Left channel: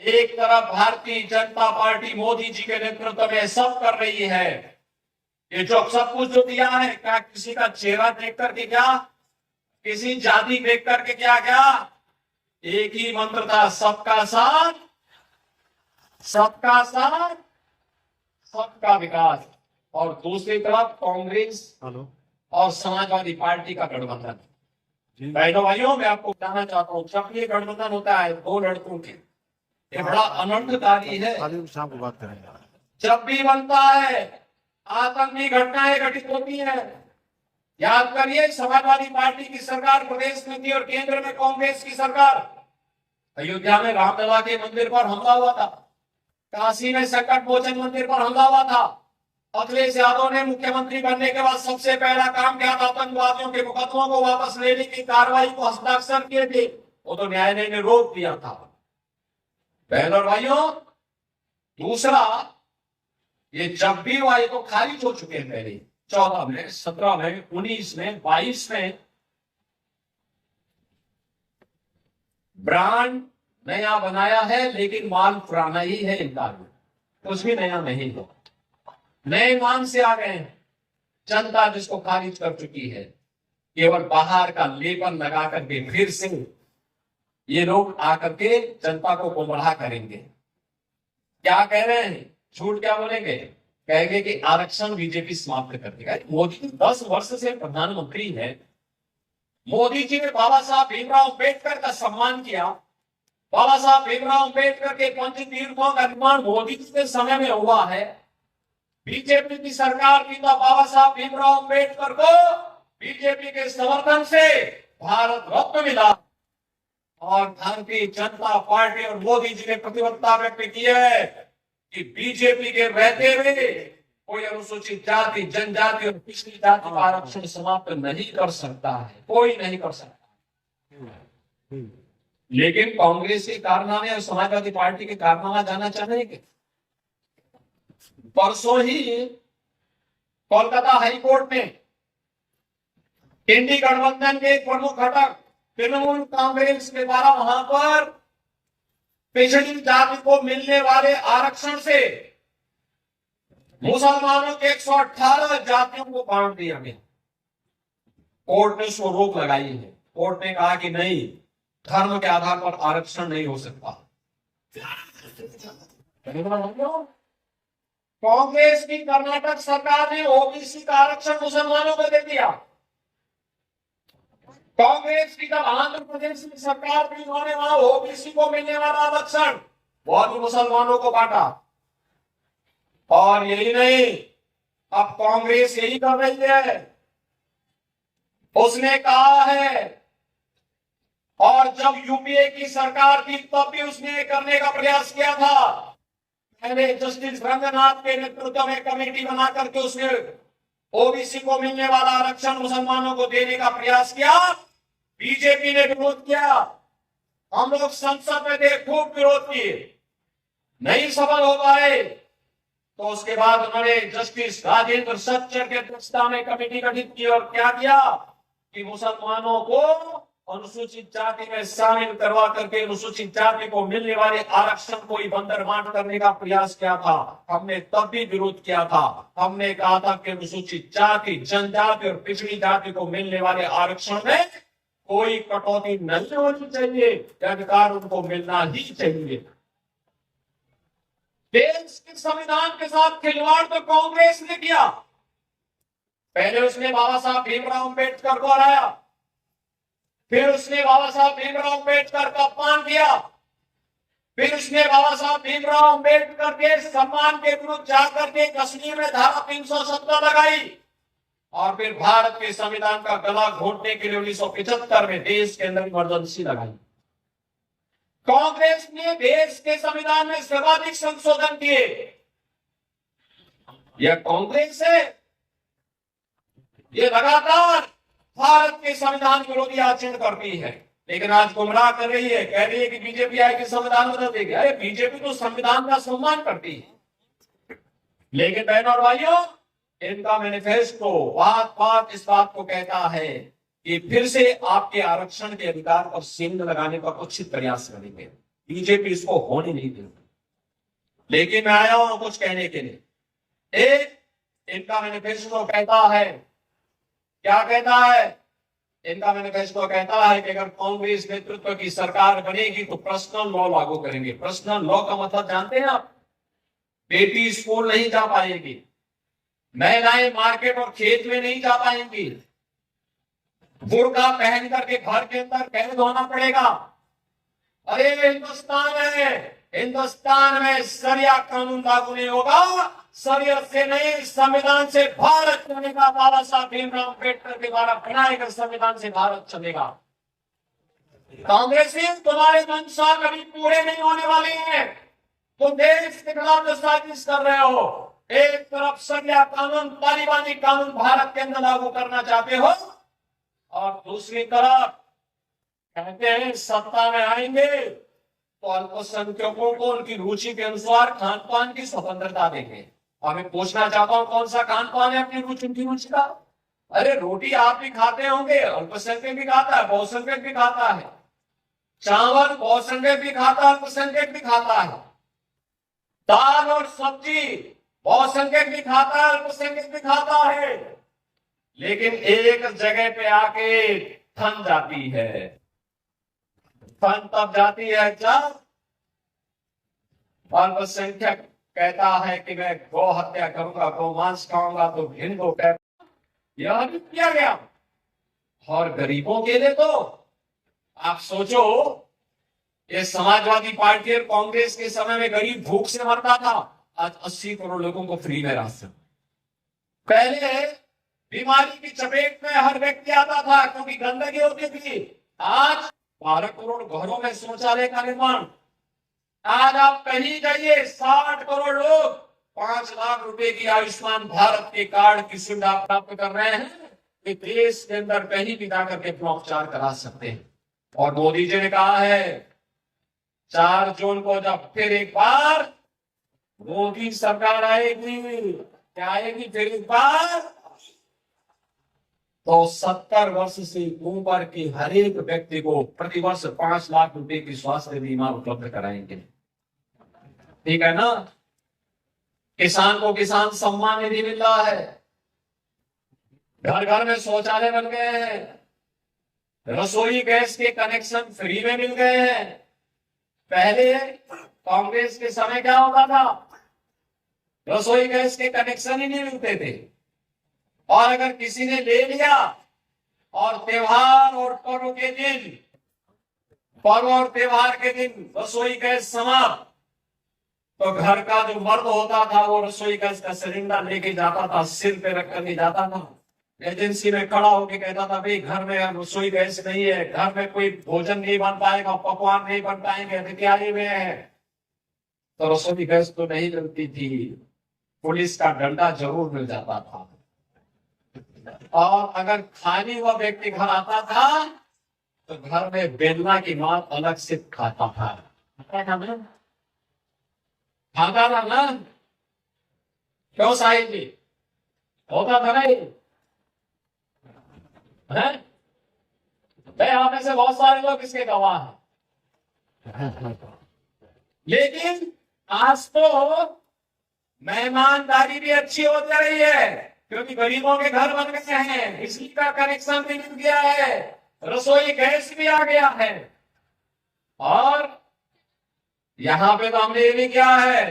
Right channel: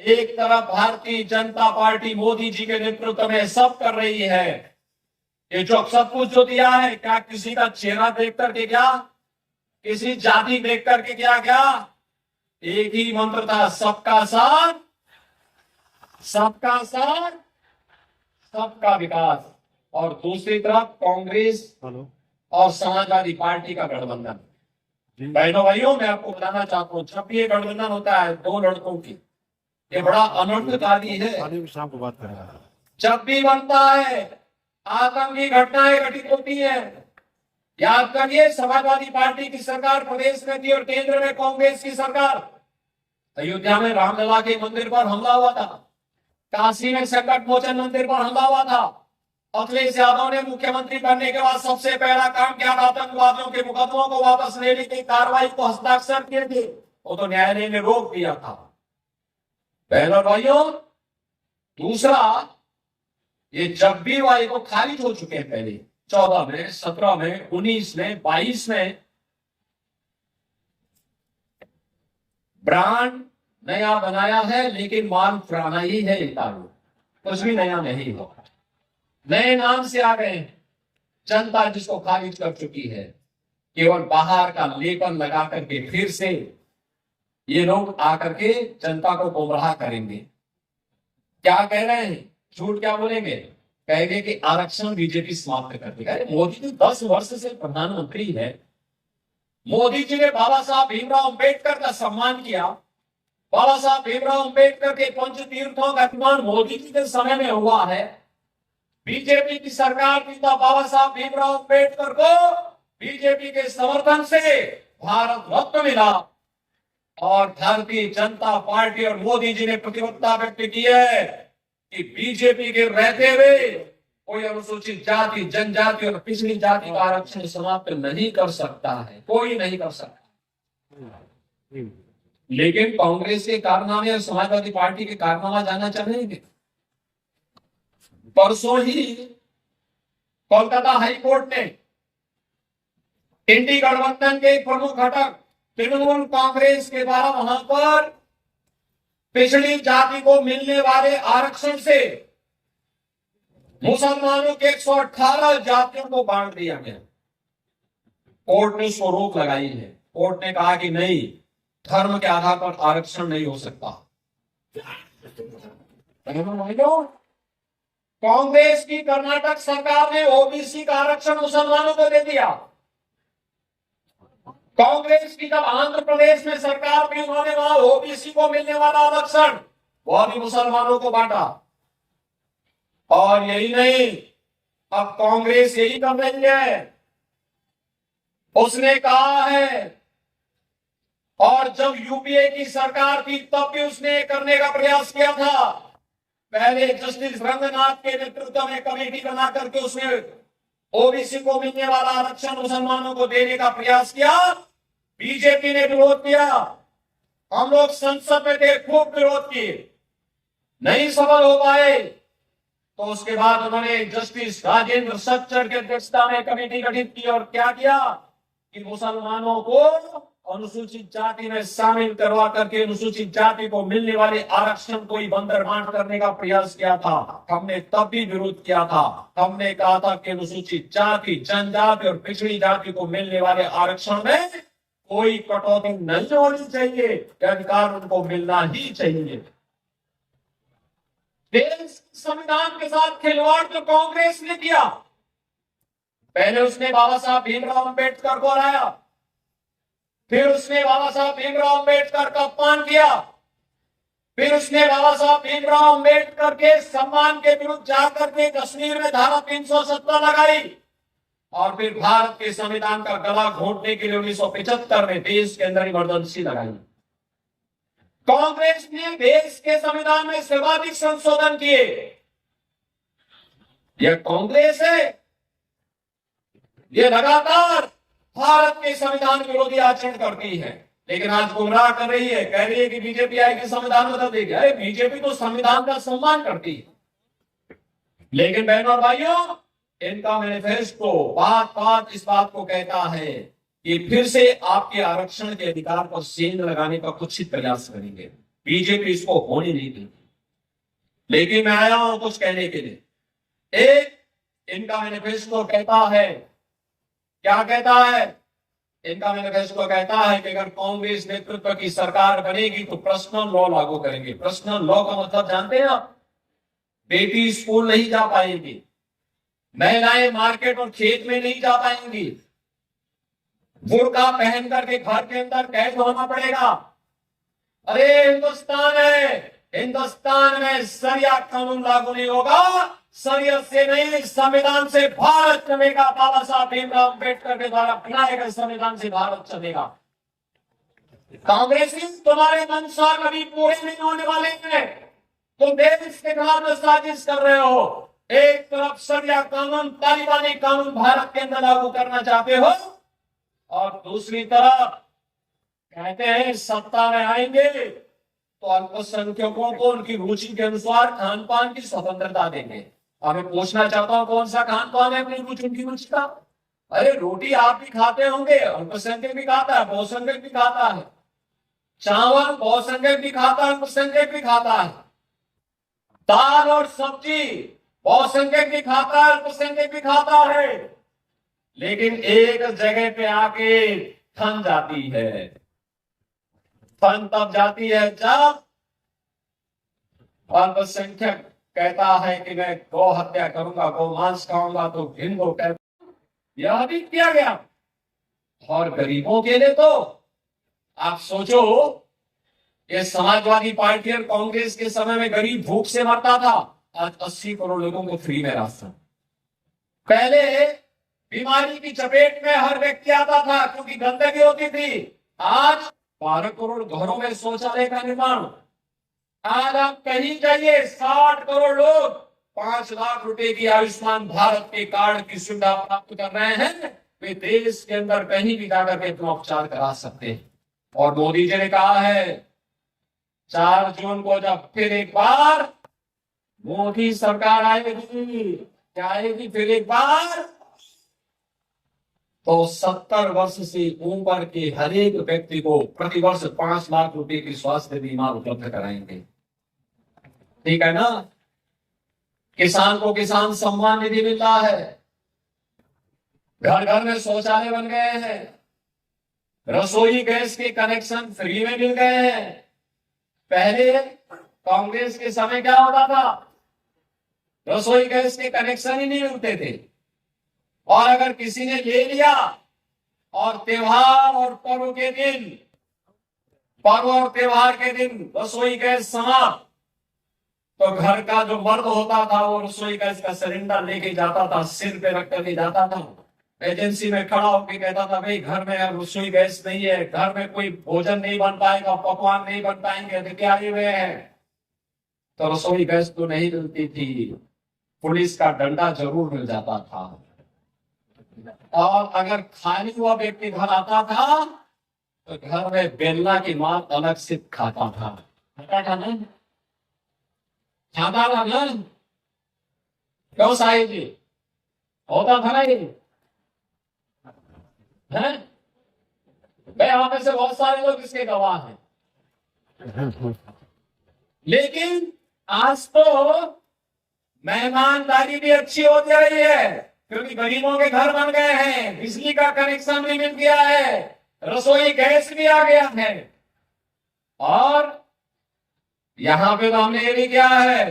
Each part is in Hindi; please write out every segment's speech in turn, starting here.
एक तरफ भारतीय जनता पार्टी मोदी जी के नेतृत्व में सब कर रही है, ये जो सब कुछ जो दिया है, क्या किसी का चेहरा देख करके, क्या किसी जाति देख करके, क्या क्या एक ही मंत्र था, सबका साथ, सबका साथ, सबका विकास। और दूसरी तरफ कांग्रेस और समाजवादी पार्टी का गठबंधन। बहनों भाइयों, मैं आपको बताना चाहता हूं, जब ये गठबंधन होता है दो लड़कों की, ये बड़ा अनर्थकारी है। शाम को बात करेंगे। जब भी बनता है आतंकी घटनाएं घटित होती है। याद करिए, समाजवादी पार्टी की सरकार प्रदेश में थी और केंद्र में कांग्रेस की सरकार। अयोध्या में रामलला के मंदिर पर हमला हुआ था, काशी में संकट मोचन मंदिर पर हमला हुआ था। अखिलेश यादव ने मुख्यमंत्री बनने के बाद सबसे पहला काम किया था, आतंकवादियों के मुकदमों को वापस लेने की कार्रवाई को हस्ताक्षर किए थे, वो तो न्यायालय ने रोक दिया था। बहनों और भाइयों, दूसरा, ये जब भी वाये तो खारिज हो चुके हैं पहले, 14 में, 17 में, 19 में, 22 में। ब्रांड नया बनाया है लेकिन माल पुराना ही है, कुछ भी नया नहीं हुआ। नए नाम से आ गए, जनता जिसको खारिज कर चुकी है, केवल बाहर का लेबल लगा करके फिर से ये लोग आकर के जनता को गुमराह करेंगे। क्या कह रहे हैं, झूठ क्या बोलेंगे, कहेंगे कि आरक्षण बीजेपी समाप्त कर देगा। मोदी जी 10 वर्ष से प्रधानमंत्री है, मोदी जी ने बाबा साहब भीमराव अंबेडकर का सम्मान किया। बाबा साहब भीमराव अंबेडकर के पंच तीर्थों का निर्माण मोदी जी के समय में हुआ है। बीजेपी की सरकार पिता बाबा साहब भीमराव अंबेडकर को बीजेपी के समर्थन से भारत रत्न मिला और भारतीय जनता पार्टी और मोदी जी ने प्रतिबद्धता व्यक्त की है कि बीजेपी के रहते हुए कोई अनुसूचित जाति, जनजाति और पिछड़ी जाति का आरक्षण समाप्त नहीं कर सकता है, कोई नहीं कर सकता। लेकिन कांग्रेस के कारनामे और समाजवादी पार्टी के कारनामा जानना चाहेंगे। परसों ही कोलकाता हाईकोर्ट ने इंडी गठबंधन के प्रमुख घटक तृणमूल कांग्रेस के द्वारा वहां पर पिछड़ी जाति को मिलने वाले आरक्षण से मुसलमानों के 118 जातियों को बांट दिया गया। कोर्ट ने इसको रोक लगाई है। कोर्ट ने कहा कि नहीं, धर्म के आधार पर आरक्षण नहीं हो सकता। कांग्रेस की कर्नाटक सरकार ने ओबीसी का आरक्षण मुसलमानों को दे दिया। कांग्रेस की जब आंध्र प्रदेश में सरकार थी, उन्होंने वहां ओबीसी को मिलने वाला आरक्षण बहुत ही मुसलमानों को बांटा। और यही नहीं, अब कांग्रेस यही कर रही है। उसने कहा है, और जब यूपीए की सरकार थी तब भी उसने करने का प्रयास किया था। पहले जस्टिस रंगनाथ के नेतृत्व में कमेटी बना करके उसने ओबीसी को मिलने वाला आरक्षण मुसलमानों को देने का प्रयास किया। बीजेपी ने विरोध किया, हम लोग संसद में थे, खूब विरोध किए, नहीं सफल हो पाए। तो उसके बाद उन्होंने जस्टिस राजेंद्र सच्चर के अध्यक्षता में कमेटी गठित की और क्या किया कि मुसलमानों को अनुसूचित जाति में शामिल करवा करके अनुसूचित जाति को मिलने वाले आरक्षण को ही बंदरबांट करने का प्रयास किया था। हमने तब भी विरोध किया था। हमने कहा था कि अनुसूचित जाति, जनजाति और पिछड़ी जाति को मिलने वाले आरक्षण में कोई कटौती नहीं होनी चाहिए, अधिकार उनको मिलना ही चाहिए। देश के संविधान के साथ खिलवाड़ तो कांग्रेस ने किया। पहले उसने बाबा साहब भीमराव अंबेडकर को हराया, फिर उसने बाबा साहब भीमराव अंबेडकर का अपमान किया, फिर उसने बाबा साहब भीमराव अंबेडकर के सम्मान के विरुद्ध जाकर के कश्मीर में धारा 370 लगाई और फिर भारत के संविधान का गला घोंटने के लिए 1975 में देश के अंदर इमरजेंसी लगाई। कांग्रेस ने देश के संविधान में सर्वाधिक संशोधन किए। यह कांग्रेस है, यह लगातार भारत के संविधान विरोधी आचरण करती है, लेकिन आज गुमराह कर रही है, कह रही है कि बीजेपी आएगी संविधान बदल देगी। अरे बीजेपी तो संविधान का सम्मान करती है। लेकिन बहनों और भाइयों, इनका मैनिफेस्टो बात बात इस बात को कहता है कि फिर से आपके आरक्षण के अधिकार पर सेंध लगाने का कुछ प्रयास करेंगे। बीजेपी इसको होने नहीं देगी। लेकिन मैं आया हूं कुछ कहने के लिए। एक, इनका मैनिफेस्टो कहता है, क्या कहता है? इनका मैनिफेस्टो कहता है कि अगर कांग्रेस नेतृत्व की सरकार बनेगी तो पर्सनल लॉ लागू करेंगे। पर्सनल लॉ का मतलब जानते हैं आप? बेटी स्कूल नहीं जा पाएगी, महिलाएं मार्केट और खेत में नहीं जा पाएंगी, बुर्का पहन करके घर के अंदर कैद होना पड़ेगा। अरे हिंदुस्तान है, हिंदुस्तान में शरिया कानून लागू नहीं होगा। शरीयत से नहीं, संविधान से भारत चलेगा। बाबा साहब भीमराव अम्बेडकर के द्वारा बनाए गए संविधान से भारत चलेगा। कांग्रेसी तुम्हारे मंशा कभी पूरे नहीं होने वाले हैं। तुम देश के खिलाफ साजिश कर रहे हो। एक तरफ शरिया कानून, तालिबानी कानून भारत के अंदर लागू करना चाहते हो, और दूसरी तरफ कहते हैं सत्ता में आएंगे तो अल्पसंख्यकों को उनकी रुचि के अनुसार खान पान की स्वतंत्रता देंगे। अब मैं पूछना चाहता हूं कौन सा खान पान है अपनी रुचि, उनकी रुचि का? अरे रोटी आप भी खाते होंगे, अल्पसंख्यक भी खाता है, बहुसंख्यक भी खाता है। चावल बहुसंख्यक भी खाता है, अल्पसंख्यक भी खाता है। दाल और सब्जी बहुसंख्यक भी खाता है, अल्पसंख्यक भी खाता है। लेकिन एक जगह पे आके थम जाती है। थम तब जाती है जब अल्पसंख्यक कहता है कि मैं गौ हत्या करूंगा, गौ मांस खाऊंगा, तो हिंदू कहता यह भी किया गया। और गरीबों के लिए तो आप सोचो, ये समाजवादी पार्टी और कांग्रेस के समय में गरीब भूख से मरता था, आज 80 करोड़ लोगों को फ्री में राशन। पहले बीमारी की चपेट में हर व्यक्ति आता था क्योंकि गंदगी होती थी। आज 12 करोड़ घरों में शौचालय का निर्माण। आज आप कहीं जाइए, 60 करोड़ लोग 5 लाख रुपए की आयुष्मान भारत के कार्ड की सुविधा प्राप्त कर रहे हैं। वे देश के अंदर कहीं भी जाकर के अपना उपचार करा सकते हैं। और मोदी जी ने कहा है 4 जून को जब फिर एक बार मोदी सरकार आएगी, क्या आएगी फिर एक बार, तो 70 वर्ष से ऊपर के हर एक व्यक्ति को प्रतिवर्ष 5 लाख रुपए की स्वास्थ्य बीमा उपलब्ध कराएंगे। ठीक है ना? किसान को किसान सम्मान निधि मिल रहा है, घर घर में शौचालय बन गए हैं, रसोई गैस के कनेक्शन फ्री में मिल गए हैं। पहले कांग्रेस के समय क्या होता था? रसोई गैस के कनेक्शन ही नहीं मिलते थे, और अगर किसी ने ले लिया और त्योहार और पर्व के दिन, पर्व और त्योहार के दिन रसोई गैस समाप्त, तो घर का जो मर्द होता था वो रसोई गैस का सिलेंडर लेके जाता था, सिर पे रख कर जाता था, एजेंसी में खड़ा होके कहता था भाई घर में अब रसोई गैस नहीं है, घर में कोई भोजन नहीं बन पाएगा, पकवान नहीं बन पाएंगे, अतिथि आए हुए हैं। तो रसोई गैस तो नहीं मिलती थी, पुलिस का डंडा जरूर मिल जाता था। और अगर खाली हुआ व्यक्ति घर आता था तो घर में बेलना की मां अलग से खाता था। खाता था ना? क्यों साहिब जी? होता था नहीं है? यहाँ में से बहुत सारे लोग इसके गवाह हैं। लेकिन आज तो मेहमानदारी भी अच्छी होती रही है, क्योंकि गरीबों के घर बन गए हैं, बिजली का कनेक्शन भी मिल गया है, रसोई गैस भी आ गया है। और यहां पे तो हमने ये भी किया है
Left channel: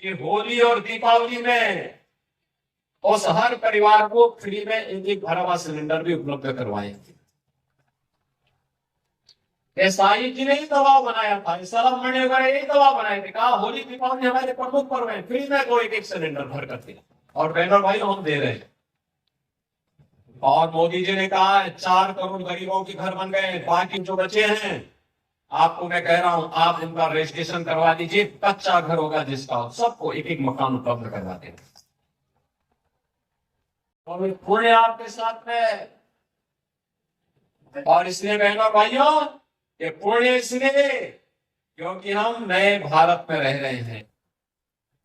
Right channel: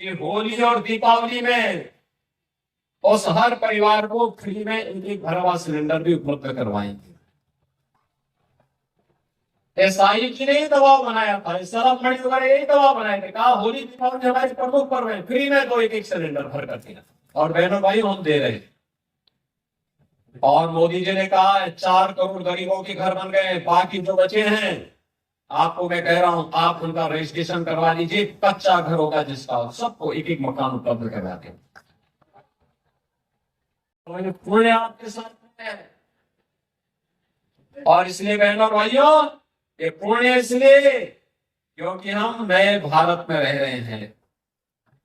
कि होली और दीपावली में उस हर परिवार को फ्री में एक भरा हुआ सिलेंडर भी उपलब्ध करवाएंगे। साहिब जी ने ही दबाव बनाया था, सरफ मणि वगैरह यही दबाव बनाए थे, कहा होली दीपावली हमारे प्रमुख पर्व है, फ्री में दो एक सिलेंडर भर कर दिया, और बहनों भाई हम दे रहे हैं। और मोदी जी ने कहा 4 करोड़ गरीबों के घर बन गए, बाकी जो बचे हैं आपको मैं कह रहा हूं आप उनका रजिस्ट्रेशन करवा लीजिए, कच्चा घर होगा जिसका, सबको एक एक मकान उपलब्ध करवा दें। और पुण्य आपके साथ में। और इसलिए बहनों भाइयों, ये पुण्य इसलिए क्योंकि हम नए भारत में रह रहे हैं,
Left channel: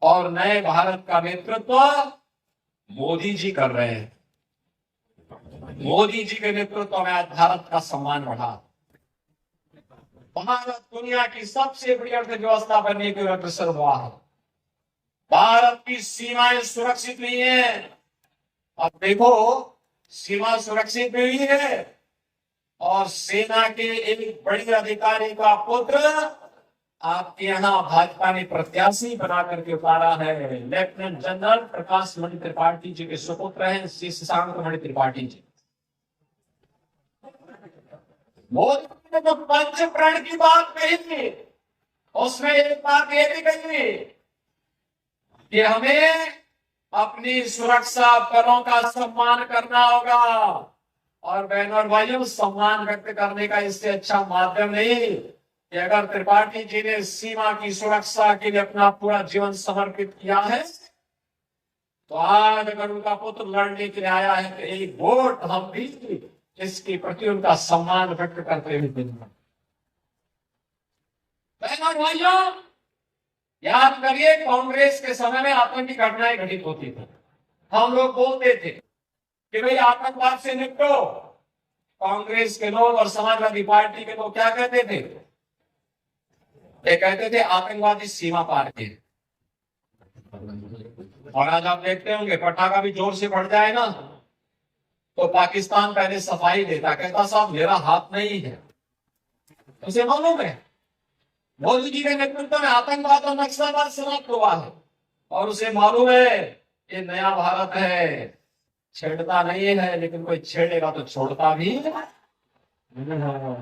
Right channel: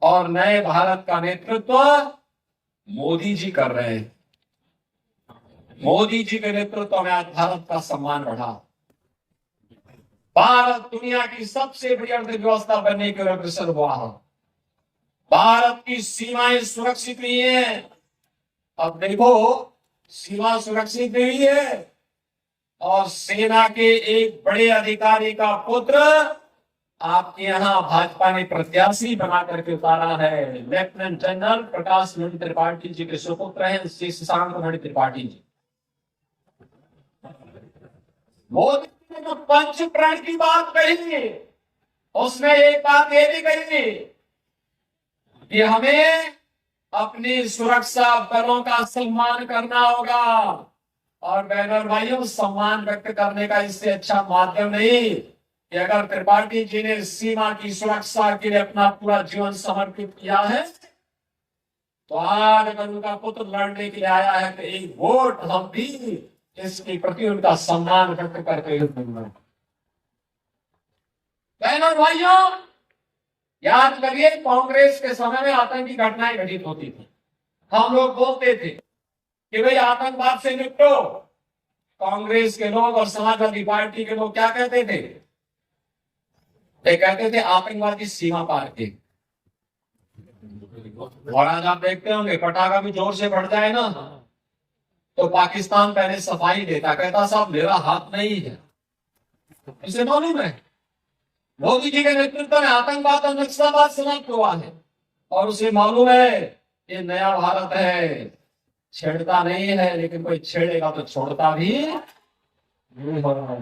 और नए भारत का नेतृत्व मोदी जी कर रहे हैं। मोदी जी के नेतृत्व में आज भारत का सम्मान बढ़ा। भारत दुनिया की सबसे बड़ी अर्थव्यवस्था बनने के लिए अग्रसर हुआ है। भारत की सीमाएं सुरक्षित नहीं है। अब देखो, सीमा सुरक्षित नहीं है और सेना के एक बड़े अधिकारी का पुत्र आपके यहां भाजपा ने प्रत्याशी बना करके उतारा है। लेफ्टिनेंट जनरल प्रकाश मणि त्रिपाठी जी के सुपुत्र हैं श्री शशांक मणि त्रिपाठी जी। मोदी ने जो पंच प्रण की बात कही थी, उसमें एक बात ये भी कही थी कि हमें अपनी सुरक्षा बलों का सम्मान करना होगा। और बहनों और भाइयों, सम्मान व्यक्त करने का इससे अच्छा माध्यम नहीं कि अगर त्रिपाठी जी ने सीमा की सुरक्षा के लिए अपना पूरा जीवन समर्पित किया है, तो आज अगर उनका पुत्र लड़ने के लिए आया है तो एक वोट हम भी इसके प्रति उनका सम्मान व्यक्त करते हुए देंगे। बहनों और भाइयों, याद करिए, कांग्रेस के समय में आतंकी घटनाएं घटित होती थी। हम लोग बोलते थे कि भाई आतंकवाद से निपटो। कांग्रेस के लोग और समाजवादी पार्टी के लोग क्या कहते थे? ये कहते थे आतंकवादी सीमा पार के। और आज आप देखते होंगे, पटाखा भी जोर से बढ़ जाए ना तो पाकिस्तान पहले सफाई देता, कहता साहब मेरा हाथ नहीं है। उसे मालूम है मोदी जी के नेतृत्व में आतंकवाद और नक्सलवाद समाप्त हुआ है और उसे मालूम है ये नया भारत है, छेड़ता नहीं है, लेकिन कोई छेड़ेगा तो छोड़ता भी नहीं होगा।